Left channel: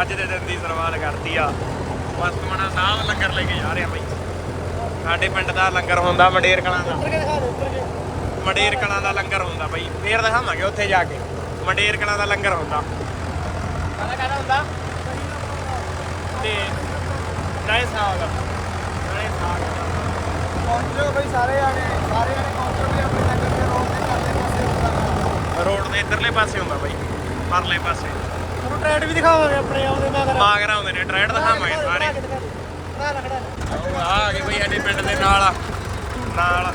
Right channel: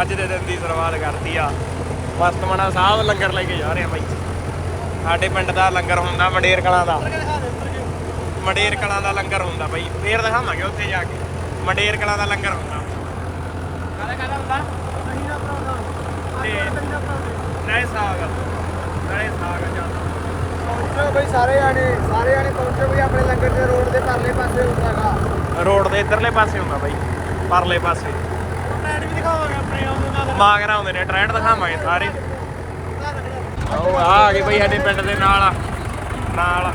ਅੱਜ ਦੇ ਦਿਨ ਦੀ ਸ਼ੁਰੂਆਤ ਕਰਤੀ ਆ। ਵਰਤਮਾਨਾ ਸਾਹਿਬ ਲੰਗਰ ਲੈ ਕੇ ਜਾ ਰਹੇ ਆ ਬਾਈ। ਸਾਡੇ ਪਿੰਡ ਦਾ ਲੰਗਰ ਹੁੰਦਾ ਮੰਡੇਰ ਕਲਾਂ ਦਾ। ਮੰਡੇਰ ਕਲਾਂ ਦਾ ਲੰਗਰ ਹੁੰਦਾ ਬਾਈ। ਫੇਰ ਦਿਖਾਵਾਂਗੇ ਉੱਥੇ ਜਾ ਕੇ। ਮੰਡੇਰ ਕਲਾਂ ਦਾ ਲੰਗਰ ਹੁੰਦਾ। ਕਾਹਦਾ ਕਾਹਦਾ ਹੁੰਦਾ ਤੇ ਨਹੀਂ ਸਾਗ। ਨਹੀਂ ਸਾਗ ਜਾਂਦਾ ਪਹੁੰਚੋ ਬਈ ਸਾਰੇ ਆਣੇ ਸਾਰੇ ਆਣੇ ਪਹੁੰਚੋ ਬਈ ਆਪਣੇ ਲੰਗਰ ਦੇ ਰੋਡ ਦੇ ਪਰਲੇ ਪਾਸੇ ਹੁੰਦਾਗਾ ਰੋਡ ਦੇ ਇਧਰਲੇ ਪਾਸੇ ਹੁੰਦਾ ਬਾਈ। ਪਰਲੇ ਪਾਸੇ। ਦਿਖਾਵਾਂਗੇ ਆਪਣੇ ਆਉਂਦੇ ਨਾਲ ਮਾਗਰਾ ਆਉਂਦੇ ਨੇ ਟ੍ਰੈਂਡ ਦਿਖਾਵਾਂਗੇ ਸਾਰੇ। ਆਹ ਆ ਗਏ ਬਈ ਸਾਡੇ ਪਿੰਡ ਦੇ ਨਾਲ ਨਾਲ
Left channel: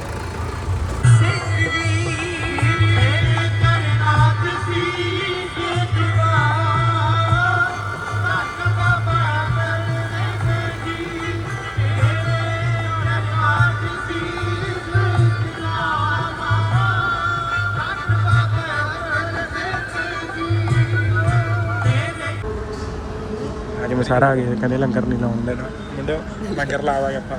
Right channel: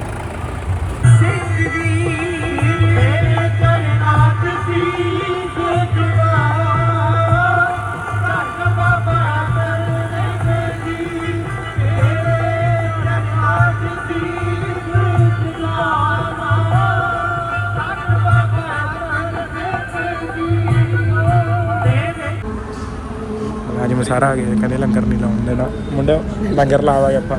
ਸਾਰਾ ਆ ਗਿਆ ਕਦੇ ਲੰਗਰ ਨਹੀਂ ਲਾਉਣ ਦੇਣਾ। ਮੁੰਡਾ ਲੰਗਰ ਲਾਵਾਂਗੇ ਆਪਾਂ।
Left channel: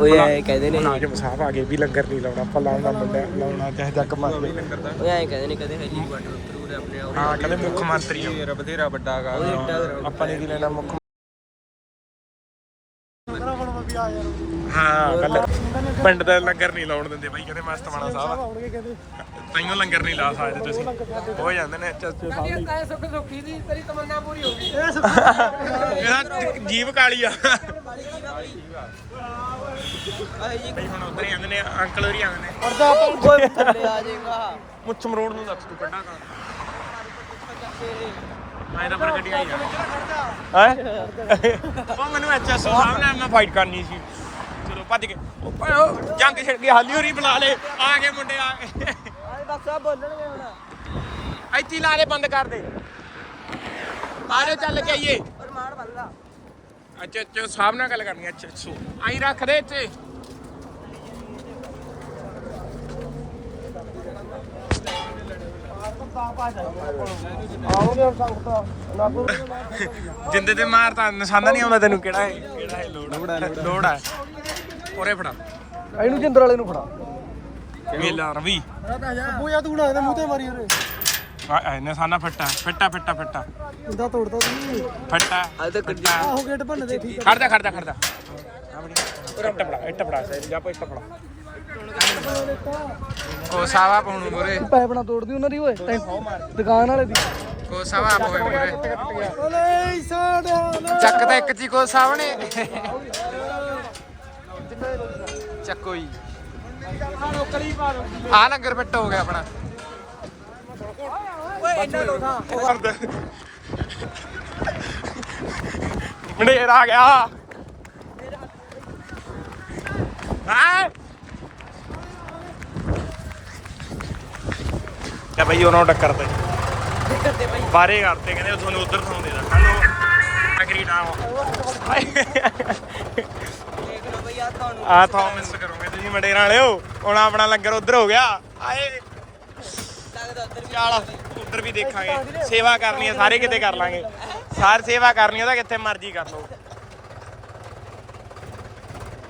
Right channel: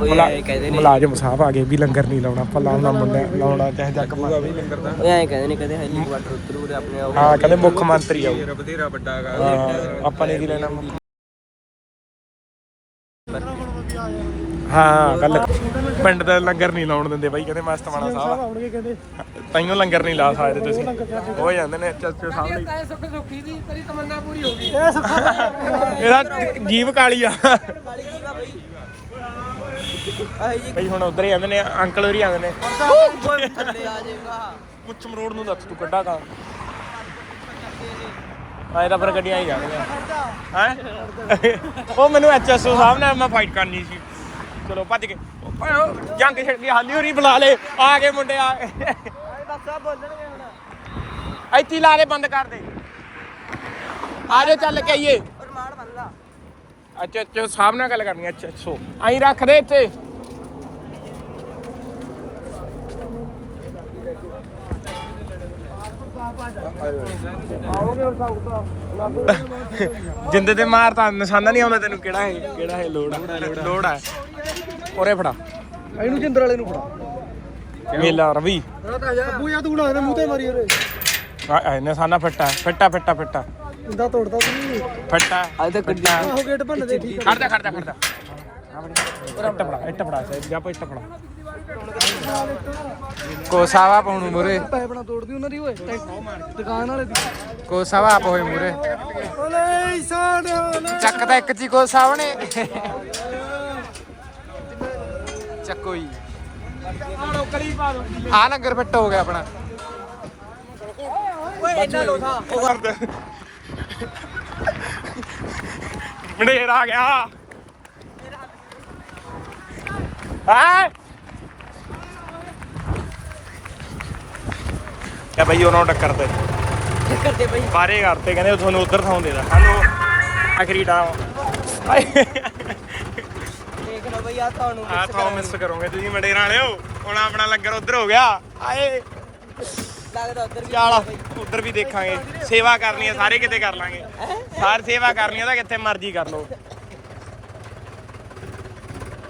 ਓਏ ਕਹਿੰਦੇ ਨੇ ਮੁਲਾਜ਼ਮ ਸਾਹਿਬ ਆ ਗਏ ਵੀ ਲੰਗਰ ਨਹੀਂ ਲਾਉਣਾ ਆਪਾਂ ਲਾਉਣਾ ਮੁੰਡਾ ਲਾਉਣਾ ਚਾਹੇ ਜੱਕ ਮਾਰੇ ਓਏ ਐ ਕਹਿੰਦੇ ਨੇ ਕਹਿੰਦੇ ਹਾਈ ਵਾਟਰ ਜ਼ਰੂਰ ਆਪਣੇ ਆਪ ਹਾਂ ਕਹਿੰਦੇ ਮੁੱਖ ਮੰਤਰੀ ਆਉ ਬਥੇਰਾ ਵੱਡਾ ਆਪਾਂ ਨੇ ਕੀ ਲੈਣਾ ਮੁੱਖ ਹਾਂ। ਗੱਲ ਪਿੰਡ ਦੇ ਲੰਗਰ ਨਹੀਂ ਲਾਉਣ ਦਿੰਦੇ ਬਾਈ ਕਹਿੰਦੇ ਮਸਤਮਾਨਾ ਸਾਹਿਬ ਆ ਤਾਈਓ ਲੰਗਰ ਨਹੀਂ ਲਾ ਸਕਦੇ ਤੁਸੀਂ। ਹੋ ਜਾਂਦੇ ਨੇ ਚਾਚੇ ਸਾਹਿਬ ਲਈ। ਤੈ ਸੁੱਖ ਸੁੱਖੀ ਦੀ ਤੇਰੀ ਤਮੰਨਾ ਪੂਰੀ ਹੋ ਗਈ। ਇਹਦਾ ਜੀਵ ਕਾਲੀ ਆ। ਬਈ ਹੁਣ ਉਧਰ ਹੀ ਆਉਂਦੇ ਨੇ ਅੰਕਲ ਉਧਰ ਹੀ ਆਉਂਦੇ ਨੇ। ਥੱਲੇ ਆ ਜਾਏਗਾ ਮੁੱਛਮ ਰੋਡ ਨੂੰ ਦੱਸ ਤੂੰ ਕੱਢਾ ਕਾਂ ਆਏ ਤਾਂ ਫਿਰ ਗੱਡੀਆਂ ਹੀ ਜਾਣਗੀਆਂ। ਹੈ? ਉਹ ਮੈਨੂੰ ਐਚਐਸਓ ਸਾਹਿਬ ਨਾਲ ਮੈਂ ਫਾਈਟ ਕਰਨੀ ਸੀ। ਚਲੋ ਭੱਜ ਕੇ। ਉਹ ਭਾਈ ਜੰਗ ਛਿੜ ਗਈ, ਹਾਲੀ ਹੋਰੀ ਬੁਲਾ ਲੈ ਆ ਗਏ ਮੁੰਡੇ, ਆ ਗਏ। ਦੱਸਿਆ ਬੋਲਣਗੇ ਹੁਣ ਇੱਥੇ ਹੀ ਬੰਦ ਕਰ ਦੇ। ਆ ਚੱਲ ਕੇ ਆਈਏ। ਰਮਾਨ ਬੰਦਾ ਅੱਛਾ ਅੱਛਾ, ਸਾਹਿਬ ਗੱਲ ਕਰਨੀ ਅੱਛਾ ਅੱਛਾ। ਆਈ ਰੱਖ ਦੇ ਇੱਥੇ। ਜਿੰਦੇ ਤੇ ਮਾਰ ਤਾਂ ਨਿਸ਼ਾਨਾ ਨਹੀਂ ਆਉਂਦਾ ਤੈਨੂੰ, ਕਿਹੜਾ ਹੈ ਕਿਹੜਾ ਹੈ ਲੋੜ ਲੋੜ ਹੈ ਉਰੇ ਫੜਾ। ਇਹਨੂੰ ਜਿੰਦਰ ਵਾਲੇ ਨੂੰ ਫੜਾ। ਮੇਲਾ ਰਵੀ। ਅੱਬੂ ਯਾ ਤੂੰ ਨਾ ਮੂੰਹ ਤੇ ਮਾਰੀ ਉਹਦੇ। ਆ ਆ, ਨਿਸ਼ਾਨਾ ਫਿੱਟਾ ਫਿੱਟਾ ਫਿੱਟਾ ਫਿੱਟਾ। ਇੰਦਾ ਤੋੜਦਾ ਤੂੰ ਫਿੱਟਾ ਫਿੱਟਾ। ਆਹੋ ਗੇਟ ਭੰਨ ਦੇ ਠੀਕ ਖੜਦਾ ਖੜਦਾ ਖੜਦਾ ਆ ਬੜੀ ਇੱਟ ਬਣਾ ਇੱਟ ਬਣਾ ਸਾਈਡ ਜਾ ਪਾ ਇੱਟ ਬਣਾ। ਬਣਾ ਕੋਸਾਵਾ ਪਾਉਣੂ ਮੁਰੇ। ਪੈਪ ਨਾ ਤੋੜਦੀ ਉਹਨਾਂ ਦੀ ਓਏ। ਦੁਕਾਨ ਵਾਲੇ ਦੀ। ਕੋਸਾਵਾ ਆਪ ਹੋਏ ਮੁਰੇ। ਓਲੇ ਸਾਡਾ ਚੱਕ ਤਾਂ ਇੱਕ ਚੀ ਕੋਸਾਵਾ ਨੇ ਚੱਕੋ ਜੀ। ਆ ਨਗਰ ਫਿੱਟ ਹੋ ਗਿਆ ਆਪਣਾ। ਮੰਡੇਰ ਆ ਗਿਆ। ਹਾਂ? ਕਿਆ ਬਈ ਉਹਨਾਂ ਨੂੰ ਟੱਕਰ ਤੇ। ਬਾਰੇ ਕਰਤੇ ਕਹਿੰਦੇ ਤੁਹਾਨੂੰ ਉਧਰ ਥਾਂ ਦੇ ਦਾ ਸਾਨੂੰ ਆਖਰੀ ਲਓ ਬਈ ਆ ਤੁਹਾਨੂੰ ਆ ਥਾਂ ਮਿਸ ਕਰੋਗੇ ਤੁਸੀਂ ਮੰਡੇਰਾਂ ਵਾਲਿਓ। ਹੁਣ ਆਪਣਾ ਲੰਗਰ ਉਧਰ ਹੋ ਗਿਆ। ਆਏ। ਲੱਗਦਾ ਉਧਰ ਚੱਲ ਉਧਰ ਵੀ ਦੇਖਾਂਗੇ। ਸੇਵਾ ਕਰਨੀ ਹੈ ਸਾਰੇ ਕਿਤੇ ਕਰ ਲਾਂਗੇ। ਸਾਰ ਸੇਵਾ ਕਰਨੀ ਹੈ ਤਾਂ ਕਿੱਥੇ ਮਰਜ਼ੀ ਕਰ ਲਓ।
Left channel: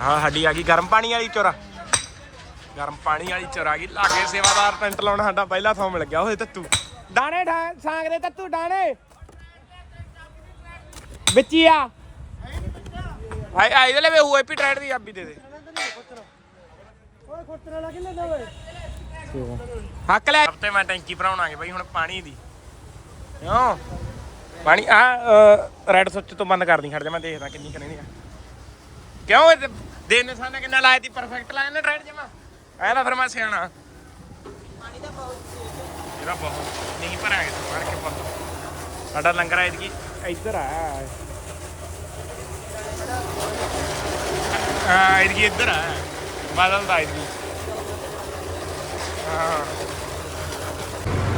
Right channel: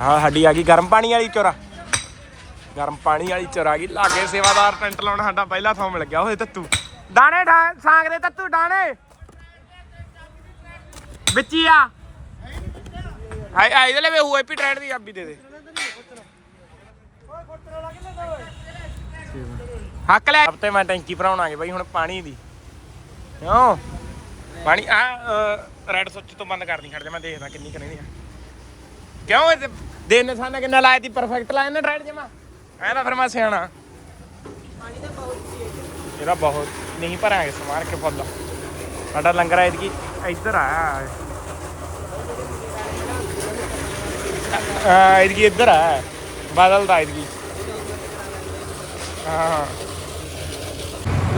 ਹਾਂ ਸਾਡੀ ਆ ਗਈ ਗਰਮ ਪਾਣੀ ਵਾਲੀ ਚੋਰਾ ਗਰਮ ਪਾਣੀ ਵਾਲੀ ਚੋਰਾ ਆ ਗਈ। ਲਾਗੇ ਸੇਵਾਦਾਰ ਟੈਂਟ ਲਾਉਣਾ ਸਾਡਾ ਪਹਿਲਾ ਥਾਂ ਮਿਲ ਗਿਆ। ਓਏ ਤੱਤੂ। ਦਾਣੇ ਢਾ ਤੱਤੂ ਦਾਣੇ। ਵਿੱਚ ਹੀ ਆ। ਹਾਏ ਆਈ ਦੇ ਲੈ ਵੇ ਹੱਕ ਲੈ। ਹਫ਼ਤੇ ਮੈਂ ਟੈਂਕੀ ਭਰਾਉਣਾਗੇ ਬਈ ਹੁਣ ਪਾਣੀ ਦੀ। ਕਿਉਂ? ਪਾਣੀ ਆ ਰੈੱਡ ਸੁੱਚ ਤੋਂ ਬੰਦ ਕਰਦੀ, ਖੜ ਜਾ, ਮੈਂ ਦੇਖਦਾ ਕਿੰਨੀ ਕਰਨੀ ਆ। ਕਿਉਂ ਇਹ ਦੇ ਕਿੰਨਾ ਲਾਇਆ ਤੀ ਪਰਫੈਕਟ ਲਾਇਆ ਨਾ ਰੈੱਡ ਜਮਾ। ਐ ਨਾ ਫਿਰ ਮੈਂ ਸਿਆਣਾ। ਇਹਦਾ ਬਹੁਤ ਨਹੀਂ ਭਰਾਂਗੇ ਸਮਾਰ ਕੇ ਫੁੱਲ ਸਾਡਾ ਲੰਗਰ ਆਇਦ ਕੀ ਇੱਧਰ ਆ ਆ ਇਹਦੀ ਇੱਧਰ ਆ ਬਾਦਲ ਦਾ ਇਹਦੀ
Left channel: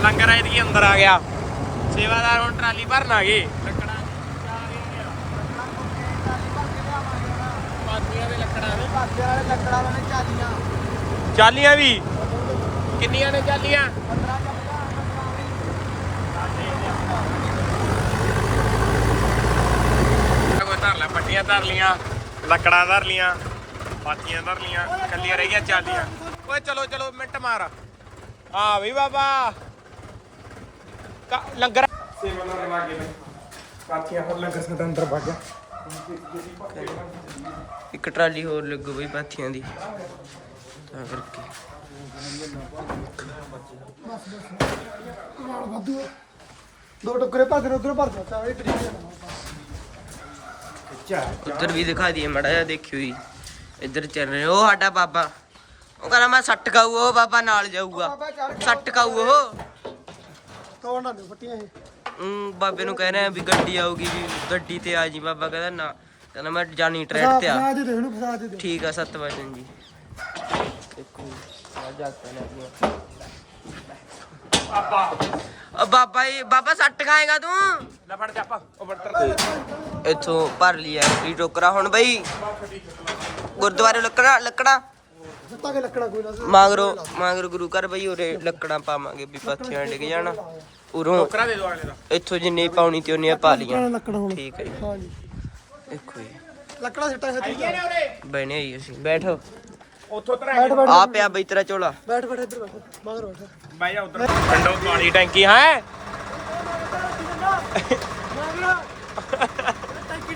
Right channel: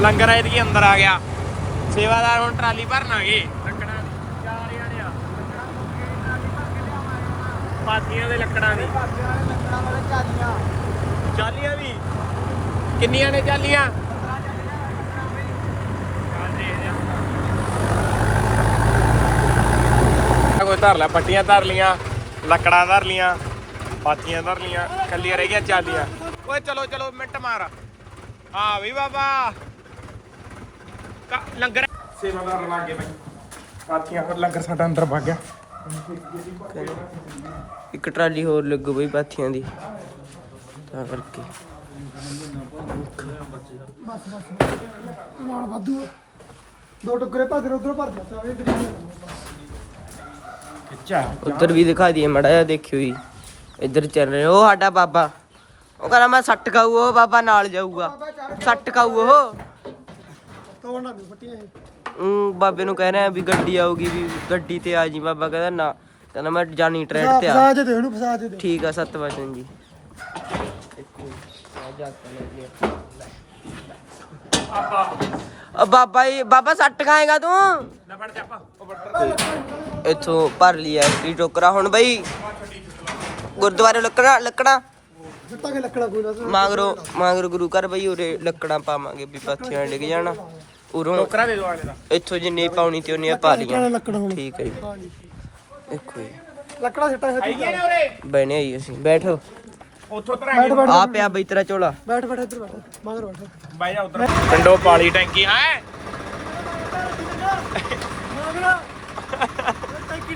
ਲੰਗਰ ਇਹਦੀ ਅੰਦਰ ਆ ਗਿਆ ਸੇਵਾਦਾਰ ਹੁਣ ਟਰਾਲੀ ਭਰਨ ਆ ਪਾਤੀਆਂ ਦੇ ਲੱਕੜਾਂ ਵੀ ਚਾਲੀਆਂ ਵੀ ਕਿੰਨੀਆਂ ਨੇ ਚਾਲੀਆਂ ਕੋਈ ਧਰ ਲਿਆ ਪੱਟੀਆਂ ਧਰ ਲੀਆਂ ਲੱਕੜਾਂ ਧਰ ਲੀਆਂ ਪਾਤੀਆਂ ਧਰ ਲੀਆਂ ਕੱਲੀਆਂ ਰਹਿ ਗਈਆਂ ਚਾਲੀਆਂ। ਓਏ ਚਲੋ ਚਲੋ ਮਿੰਟ ਮਾਰ। ਹਾਂ ਵੀ ਬਾਬਾ। ਲੰਗਰ ਸੇਵਾਦਾਰ ਲਾਗੇ ਬਈ। ਪਾਥੀਆਂ ਹੋਰ ਲੰਗਰ ਸਾਡਾ ਅੰਦਰ ਵਗ ਗਿਆ। ਇੱਕ ਟਰਾਲੀ ਹੋਰ ਲੱਗੂ ਬਈ ਪਾਥੀਆਂ ਦੀ। ਤਾਂ ਕਰਕੇ। ਵਾਧੂ। ਆ। ਦੋ ਟੁਕਰੇ ਭਰ ਕੇ ਉਧਰੋਂ ਭਰ ਦਿੱਤਾ। ਇਹ ਬਰੀਕ ਉਧਰ ਵੀ ਦਿਖਾ ਦਈਏ ਮੜਾ ਜਿਹਾ ਦੇਖਿਓ ਜੀ। ਇੱਧਰ ਚੱਲ ਰਹੇ ਉਹ ਸਾਡਾ ਬਾਬਾ। ਉਹ ਕਹਿੰਦਾ ਮੈਂ ਸੱਟ ਖਾਊ ਉਹ ਬਾਬਾ ਨਾਲ ਜਾਊਗਾ। ਸੱਟ ਖਾਊ ਉਹ। ਤੋੜਨਾ ਨਹੀਂ ਫੱਟੀਆਂ ਇਹ ਊਂ ਬਾਬੇ ਨੂੰ ਕਹਿ ਰਿਹਾ ਵੀ ਗੱਡੀ ਆਊਗੀ ਵੀ ਗੱਡੀ ਤੇ ਆ ਜੀ ਬਾਬਾ ਕਹਿੰਦਾ ਨਾ। ਕਹਿੰਦਾ ਮੈਂ ਜਾਨੀ ਟ੍ਰੈਡ ਤੇ ਆ। ਫਸਾ ਦੇ ਦੇ ਉਹਨੂੰ ਫਸਾ ਦੇ ਦੇ। ਠੀਕ ਆ ਸੱਤ ਵਜਨ ਜੀ। ਦੇਖੋ ਜੀ, ਆ ਜਾ ਕੇ ਲੈ ਲਿਆ। ਆ ਬਾਬਾ ਜੀ ਬਾਬਾ ਸੱਟ ਖਾਏਗਾ ਤੂੰ? ਲੈ ਫੜ ਚਾਪਾ ਉਹ ਬੱਟਰ ਇੱਥੋਂ ਭਰ ਲਿਆ ਐਂਟਰੀ ਟੋਕਰਾ ਹੁਣ ਬਈ ਗੁਰਦੁਆਰੇ ਲੱਕੜਾ ਲੱਕੜਾ। ਜਿੱਤਾਂ ਕੇ ਲੱਕੜਾ ਕੋਈ ਨਾ। ਮਾਗਰੋ ਮਾਗਰੋ ਗੁਰੂ ਘਰ ਬਈ ਉਰੇ ਲੱਕੜਾਂ ਪਾਵਾਂਗੇ ਵੀ ਪੱਥੀਆਂ ਡਿੱਗ ਜਾਣਾ। ਉਰੋਂ ਇੱਥੋਂ ਜਿੰਨੀ ਪਾਉਣੀ ਤੇ ਉਹਨੀਆਂ ਪਾ ਲੀਆਂ ਠੀਕ ਹੈ ਜੀ। ਦੇਖੋ ਜੀ। ਲੱਕੜਾ ਸਿੱਟਾਂ ਉਰੇ? ਬਣੇ ਆਈ ਅਸੀਂ। ਬੈਠੋ। ਆ ਪਿਆ ਬਈ ਤੇਰਾ ਝੋਲਾ। ਬੈਠ ਬੈਠ ਇੱਧਰ ਮਗਰ ਬੈਠ। ਬਾਈ ਜਾ ਉਧਰ। ਪਿੰਡੋਂ ਪਾਲੀ ਟੈਂਕੀ ਹੈ।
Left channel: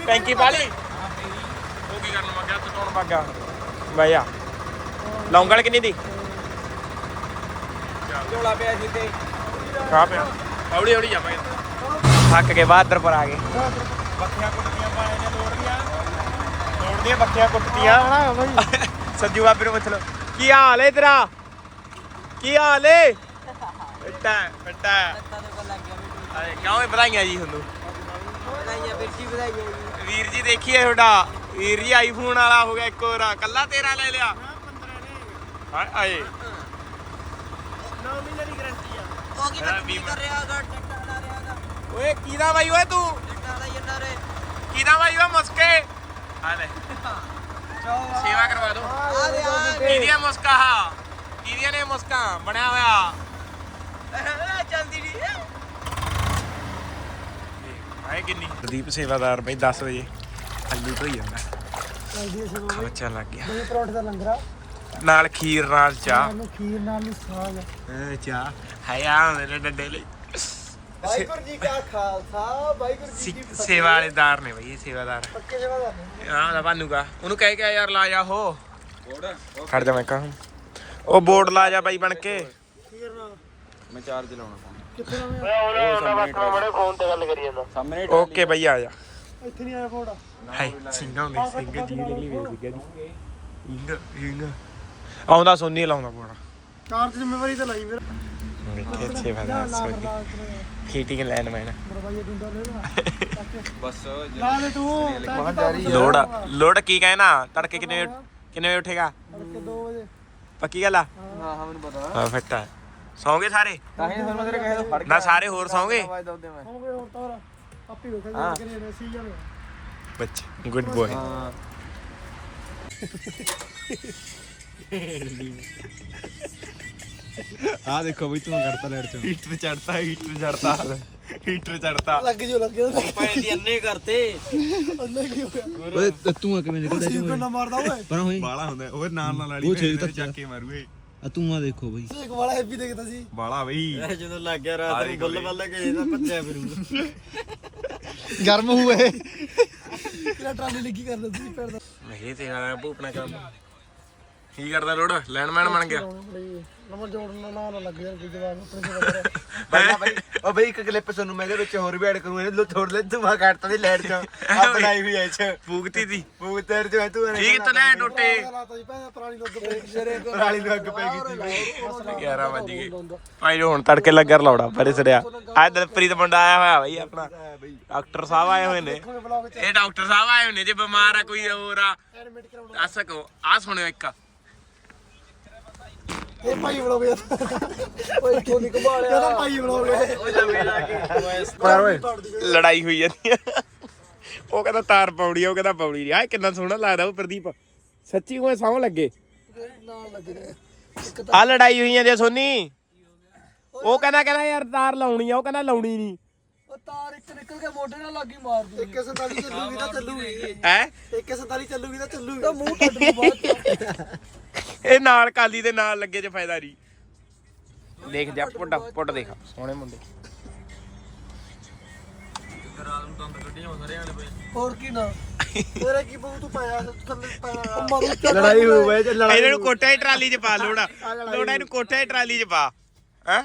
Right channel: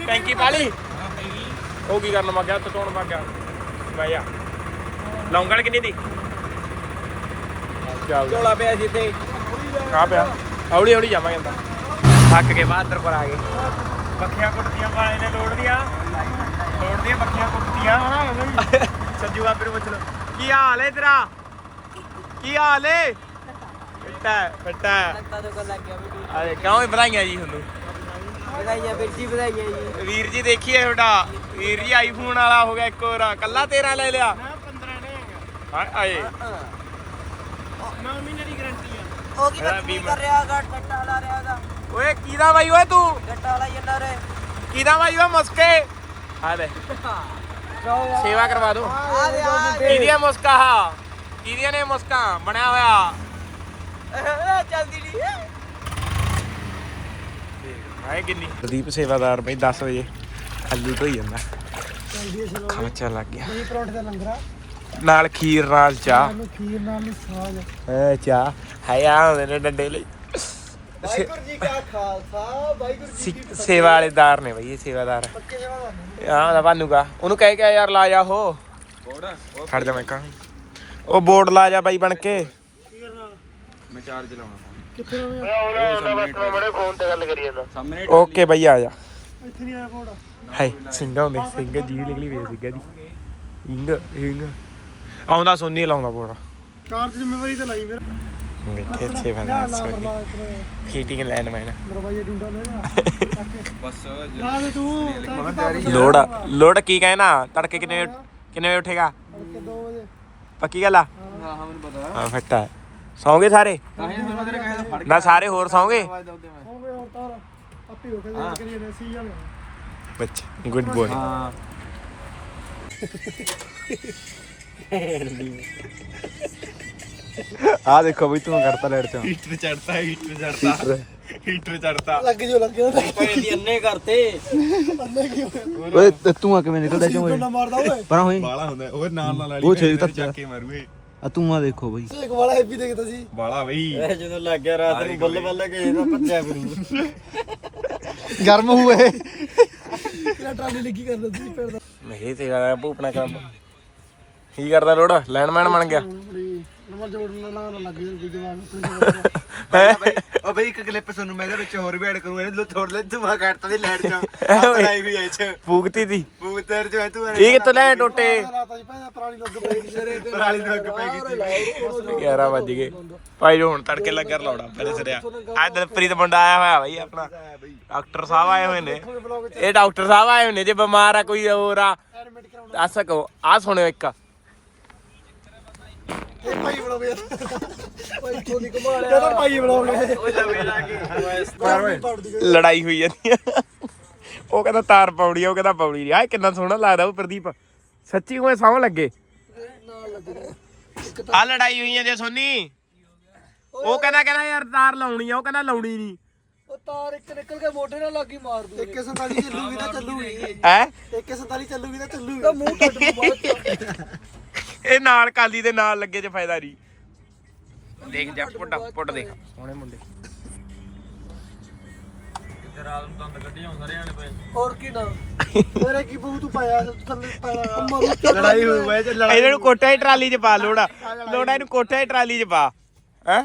ਟੈਂਕੀ ਪਾਲੀ। ਉਹ ਕੀ ਕਰਨ ਮੱਗਿਆ ਉੱਥੇ ਤੋਣ ਮੱਗਾ ਬਾਈ ਆ ਲੌਂਗਲ ਕਿੰਨੀ ਦੀ? ਚੱਲ। ਝੋਲਾ ਪਿਆ ਜਿੱਤੇ ਆ ਪਿਆ। ਹੌਲੀ ਹੌਲੀ ਜਾਵਾਂਗੇ ਅੰਦਰ ਥੱਕ ਕੇ ਬਾਦਰ ਪਰ ਆ ਗਏ। ਬੱਕੀਆਂ ਕੁੱਟਦੀਆਂ ਪਾਏ ਨੇ ਲੋੜਦੀਆਂ ਲੋੜਦੀਆਂ ਬੱਕੀਆਂ ਕੁੱਟਦੀਆਂ ਸੱਜੂ ਬਾਬੇ ਨੂੰ ਪੁੱਛ ਲਓ। ਕੀ ਹਾਲ ਹੈ ਤੇਰਾ? ਕੀ ਹਾਲ ਏ? ਬੇਟਾ ਬੇਟਾ ਅਰੇ ਕਿਉਂ ਇਹ ਵਧਾਈਆਂ ਜੀ ਤੁਹਾਨੂੰ? ਵੀਰ ਜੀ ਦੇਖੀਏ ਤੁਹਾਡਾ। ਵੀਰ ਜੀ ਆਈਫੋਨ ਵਾਲਾ ਹੋ ਗਿਆ ਇੱਕ ਹੋਰ। ਕੱਲਾ ਤੇਰਾ ਲੈ ਲਿਆ? ਹਾਏ ਆਏ। 9 ਮਹੀਨੇ ਦੀ ਗਾਰੰਟੀ ਆ। ਉਹ ਬੀਮਾ ਓਏ ਕਿਹਦਾ ਬਾਈ ਓਏ ਤੂੰ? ਕਿਹਦਾ ਬਾਈ ਓਏ ਮੁਸਕੇ? ਆ ਲੈ। ਸੇਵਾ ਕਰਵਾ ਦੂੰ। ਕਿਹਦੀਆਂ ਮੁਸਕਾ ਹਾ ਕਿਹਦੀਆਂ ਨੇ ਮੁਸਕਾ? ਬਣਿਆ ਹੋਇਆ। ਹਾਏ ਕਿੰਨੀ? ਪ੍ਰਦੀਪ ਸੇਵਾਦਾਰ ਬਈ 10 ਵਜੇ ਆਲੂ ਧੋਈ ਜਾਂਦਾ। ਲੋਕ ਖਾਚਾ ਲੱਗ ਗਿਆ। ਇਹ ਪਰੌਂਠੇ ਦਾ ਲੰਗਰਾ ਨਾਲ ਖੀਰ ਨਾਲ ਚਾਹ। ਮੈਨੂੰ ਖੀਰ ਨਾਲ ਨਹੀਂ ਸਾਗ ਐ ਚਾਹ। ਹਾਏ ਆ ਹੁੰਦੇ ਨੇ ਡੰਡੇ ਲਈ। ਵਾਹਿਗੁਰੂ ਜੀ ਕਾ ਖਾਲਸਾ ਵਾਹਿਗੁਰੂ ਜੀ ਸਿ- ਸੇਵਾ ਵਾਲੇਦਾਰ ਨੇ ਬਈ ਇਹ ਸੇਵਾਦਾਰ। ਪੱਕੇ ਜਵਾ ਦਾ ਆ ਉਹਦਾ ਭਾਨੂਗਾ ਉਹਨੂੰ ਕਹਿ ਕੇ ਯਾਰ ਲਾ ਜਾ ਉਹ। ਖੜ ਜਾ ਮੈਂ ਕਹਾਂ। ਉਹ ਬੋਰਡ ਲਾ ਜਾ ਬਾਈ ਬਣ ਕੇ। ਕਿੱਥੇ ਓਕੇ ਬਈ ਆ ਜਾ। ਇੱਥੇ ਨਹੀਂ ਆਇਆ ਫੋੜਾ ਹਾਏ ਸਿੰਘਾਂ ਹੁੰਦੇ ਸਿੰਘ ਜੀ ਨਿਕਲੀ ਵੇ ਸਿੰਘਾਂ ਦੀ। ਹਿੰਗ ਹਿੰਗ। ਆਉਂਦਾ ਸੁਣਨੀ ਲਾਉਂਦਾ ਪੂਰਾ ਕਾਰ ਦੀ ਜ਼ਿੰਮੇਵਾਰੀ ਤੇ ਲਾਈ ਫਿਰ। ਲਾ ਸੋਈ ਲਾ ਇਤਨੇ ਹੀਟਿੰਗ ਲੈਣ ਬਸ ਲੋੜ ਲੋੜ ਕੀ ਕਹਿਣਾ? ਤੜਕੇ ਕਿੰਨੇ ਕਿੰਨੇ ਵਜੇ ਉੱਠੇਗਾ? ਤੜਕੇ 2 ਵਜੇ। ਪੱਕੀ ਗੱਲ ਆ? ਹਾਂ। ਹਾਂ ਮੈਨੂੰ ਪਤਾ। ਹਾਂ ਫੱਟਾ ਸੌਂਗੇ ਸਾਰੇ? ਤਾਂ ਹੀ ਮੈਂ ਤੇਰੇ ਕਹੇ ਫੜ ਨਾ ਸਾਰੇ ਹੋਰ ਸੌਂਗੇ? ਹੋ ਗਏ ਹੋਰ ਤਾਰ ਆਪੀ ਹੋ। ਗਿਆ ਜੇ ਕਰੀਏ ਨੇ ਸੀ ਜਾਣੇ। ਬੱਚੇ ਗੁੱਡ ਬੋਏ ਹਾਂ। ਆ ਦੇਖੋ ਬਈ ਤੂੰ ਕਰਤਾ ਲੈਟ ਤੇ ਹੀਟਰ ਚੜਤਾ ਹੀਟਰ ਚੜਤਾ ਹੀਟਰ। ਚੜਤਾ ਲੱਗ ਜੋ ਲੱਗ ਗਿਆ ਦੀ ਅੰਨੇ ਕਰਤੇ। ਅੰਨੇ ਕੀ ਹੋ ਗਿਆ ਓਏ ਤੇ ਤੂੰ ਆ ਕਿਵੇਂ ਨਿਕਲਦਾ ਚੋਂ ਓਏ? ਪਰਾਂ ਹੋਈ। ਬਾਲਾ ਹੁੰਦਾ। ਉਹ ਨਾਲ ਨਾਲ ਉਹ ਛੇ ਤੱਕ ਚੱਕ ਕੇ ਮਾਰੂਏ ਆ ਤੂੰ ਆ ਦੇਖੋ ਬਈ। ਇੱਕ ਵਾਲਾ ਹੈਵੀ ਦੇਖਦਾ ਸੀ। ਬਾਲਾ ਬਈ। ਜਦੋਂ ਲੱਗ ਗਿਆ ਰਾਤ ਨੂੰ ਬੱਲੇ ਬੱਲੇ ਕੇ ਇਹਦਾ ਭੱਜਿਆ ਫਿਰੂ। ਗਰਮ ਹੋਏ ਕਿਹੜਾ ਟਰਾਲੀ ਲੱਗੀ ਕਰਦਾ ਸੀ ਪਿੰਡ ਦਾ? ਨਹੀਂ ਤੇ ਆ ਭੂਪਣਾ ਕੰਮ। ਕੀ ਕਰਦਾ ਲੋੜ? ਲੈਂਡਮੈਨ ਬਣ ਗਿਆ। ਨਵਾਂ ਜੋੜਨ ਨਾ ਨਾ ਲੱਗ ਯਾਰ ਕੋਈ ਜਵਾਬ। ਨਹੀਂ ਓ ਬਈ ਇੱਕ ਕਲਿੱਪ ਸੁਣ ਮੈਂ ਇਹਦੇ ਵਿੱਚ ਹੋਰ ਵੀ ਐਡ ਕਰੂੰ ਇਹ ਥੋੜ ਲੈ ਤੂੰ ਆ ਕੱਟ ਦੀ ਲੈਟ ਚੋਂ ਬਣਾਈ ਹੋਈ ਐ ਚ। ਫੂਕਤੀ ਦੀ। ਬੂਤਰ ਚ ਤੂੰ ਇਹ ਕਿੱਥੋਂ ਲੈ ਟੋਟੇ? ਜੀ ਪੁਰਾਣੀ ਲੱਗ ਪਈ ਸੀ ਸਵੇਰੇ ਰਾਲੀ ਨੂੰ ਅੱਗ ਪੈ ਗਈ 11 ਵਜ ਗਏ। ਭਾਈ ਜੋ ਹੁਣ ਤੜਕੇ ਲੱਗਰ ਲਾਉਣਾ ਪਰੇ ਸਰਿਆ ਆ ਦਲਪ੍ਰੀਤ ਮੁੰਡਾ ਆਇਆ ਹੋਇਆ ਬਈ ਆਪਣਾ। ਡਾਕਟਰ ਸਾਹਿਬ ਆਏ ਹੋਏ ਨੇ। ਇਹ ਡਾਕਟਰ ਸਾਹਿਬ ਆਏ ਹੋਏ ਨੇ ਜੇ ਬਿਮਾਰ ਆ ਕੋਈ ਹੋਰ ਆ। ਐਡਮਿਟ ਕਰਾਉਣਾ। ਦੱਸ ਸਕੋ ਆ ਸੁਣਿਓ ਇੱਕ। ਇਹ ਭਾਈ ਬਲੌਗ ਯਾਰ ਓਏ ਇੱਥੋਂ ਨਹੀਂ ਕਮਾਲਿਆ ਇਹਦਾ ਭਾਈ ਬਲੌਗ ਓਏ ਜਮੇ ਲਾ ਕੇ ਲੜਾਈ ਹੋਈ ਜਾਂਦੀ ਆ। ਉਹ ਕਹਿੰਦਾ ਤਾਰ ਪਾਉਣੀ ਆ ਉਹ ਕਹਿੰਦਾ ਪਾਉਣੀ ਨਹੀਂ। ਆ ਕਿੰਨਾ ਸੋਹਣਾ ਲੱਗਦਾ ਉਹ ਪ੍ਰਦੀਪ। ਸੱਚੀ ਉਹ ਸੌਂ ਲੱਗੇ। ਨਾਲ ਲੱਗ ਰਿਹਾ ਆ ਲੜਾਈ ਹੋਈ ਜਾਂਦੀ ਆ ਸੋਨੀ। ਉਹ ਕਹਿੰਦਾ ਕਹਿੰਦਾ ਯਾਰ ਤਾਰ ਲਾਉਣੀ ਆ ਉਹ ਕਹਿੰਦਾ ਲਾਉਣੀ ਨਹੀਂ। ਉਹ ਤਾਰ ਇੱਕ ਨਿਕਲ ਕੇ ਮੋਢੇ ਨਾਲ ਲੱਗੀ ਮਾਰ ਦੂ 147 ਚੱਲੂਗੀ ਤਾਂ ਚੱਲੂਗੀ। ਹੈ? 147 ਚੱਲੂਗੀ ਤਾਂ ਚੱਲੂਗੀ। ਤਾਂ ਮੂੰਹ ਟੱਟ ਨੂੰ ਬਾਅਦ ਚ। ਇਹ ਨਾਲ ਕਾਲੀ ਦੇ ਨਾਲ ਲੱਗੇ ਚ ਫਾਇਦਾ ਨਹੀਂ। ਦੇਖ ਜਾ ਪੁੱਟ ਪੁੱਟ ਦੇਖ। ਸੋਹਣੇ ਮੁੰਡੇ। ਹੋਰ ਕੀ ਨਾ। ਤੇਰੇ ਕੀ ਬੂ ਤੂੰ ਪਾਇਆ ਥੱਲੇ ਪਾਇਆ। ਲੜਾਈ ਹੋ ਗਈ ਇਹਨਾਂ ਨੂੰ ਕੋਟਾ ਹੀ ਟਰਾਲੀ 'ਚ ਪਾ ਲੋੜਾ। ਲੋੜਾ ਇਹਨੂੰ ਕੋਟਾ ਹੀ ਟਰਾਲੀ 'ਚ ਪਾ। ਹੈ?